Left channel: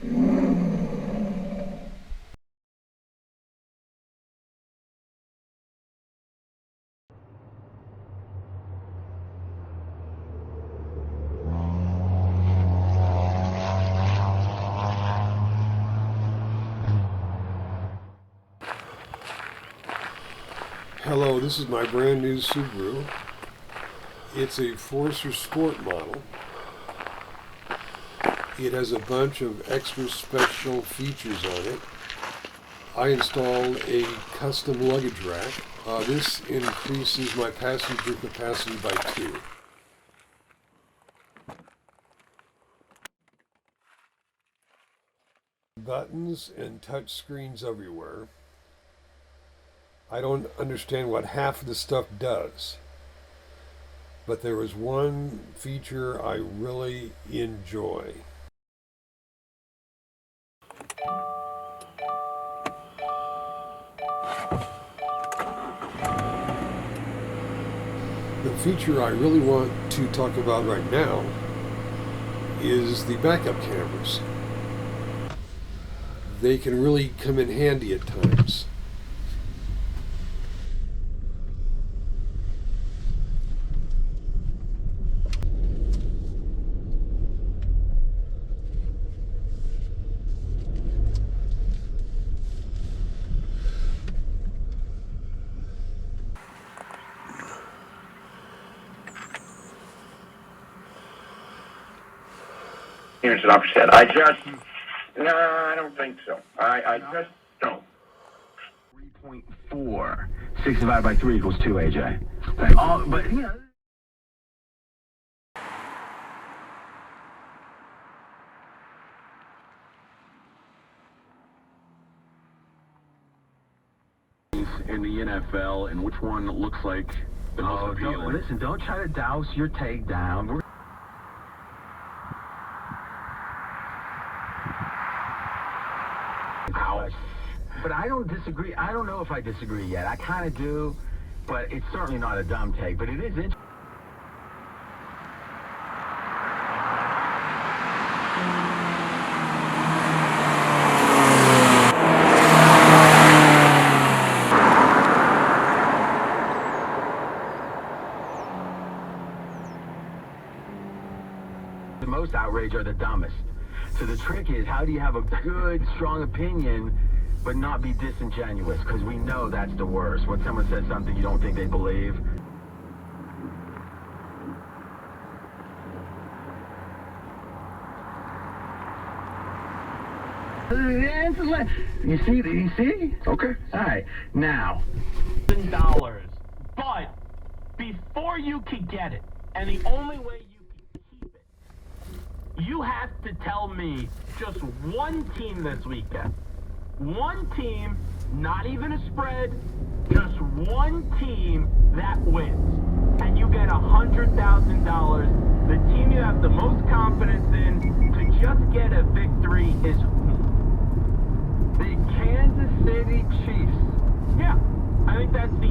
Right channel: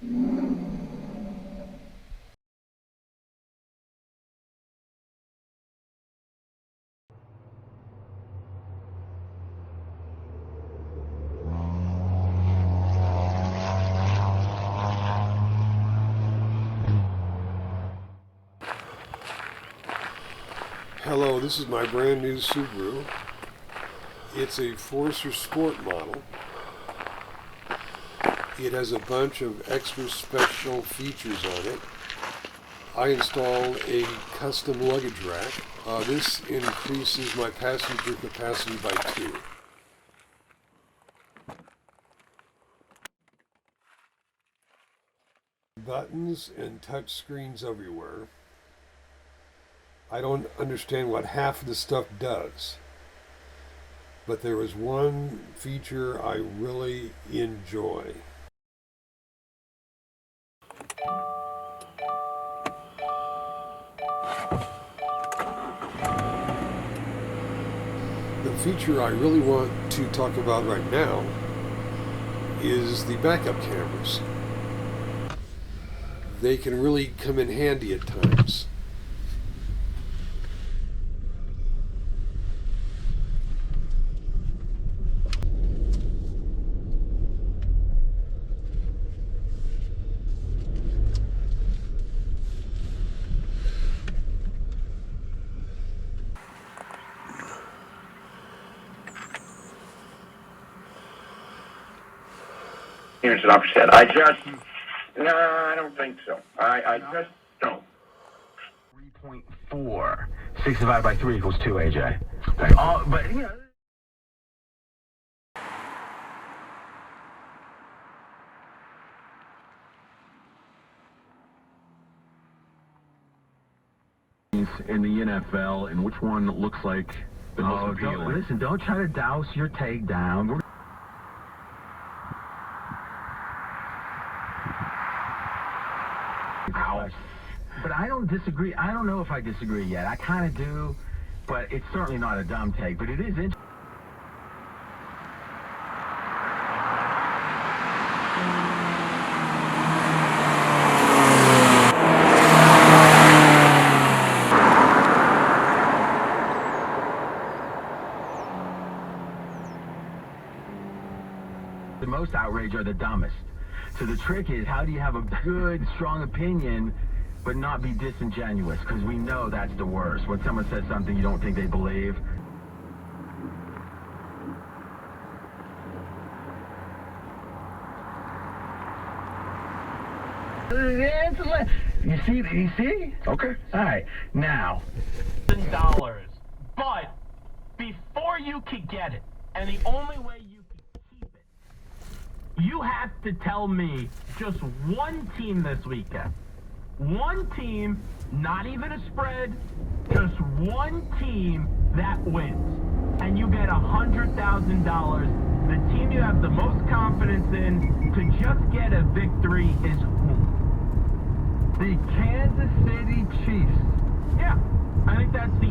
Hello, this is my brand new Subaru. It's a Forester Sport model. It has a bunch of extra special features on it. I installed a custom luggage rack. This increases my passenger capacity by 2. Buttons and touch screens everywhere. I don't understand what half of the stuff does, but there is one feature I really enjoy. The feature I really want to talk about right now is the backup cameras. They can really come in handy at times. Here's an upset. No, I don't think so. I just don't. 3.4. 6 divided by 3 equals 2, AJ. But, you know. In the NFL, and which one looks like the most appealing? Listen, don't try to douse your takedown. But I don't disagree. I don't know if I disagree yet. I kind of do, but it's certainly not a dumb take. But it is interesting. The most outrage are the dumbest. So the trick is, how do you have a good, strong opinion, but not be disingenuous? Because we know that's the worst. When someone says something you don't think they believe. You see? Okay. All right. Now. $1,000. But before you could get it, and the only way you can keep it, you have to tell me just one team this weekend. One team, not even a spread, just one team that wins. And you get $100,000. The team you have the most confidence in to just get a victory is who? The Kansas City Chiefs. Yeah, I think that's the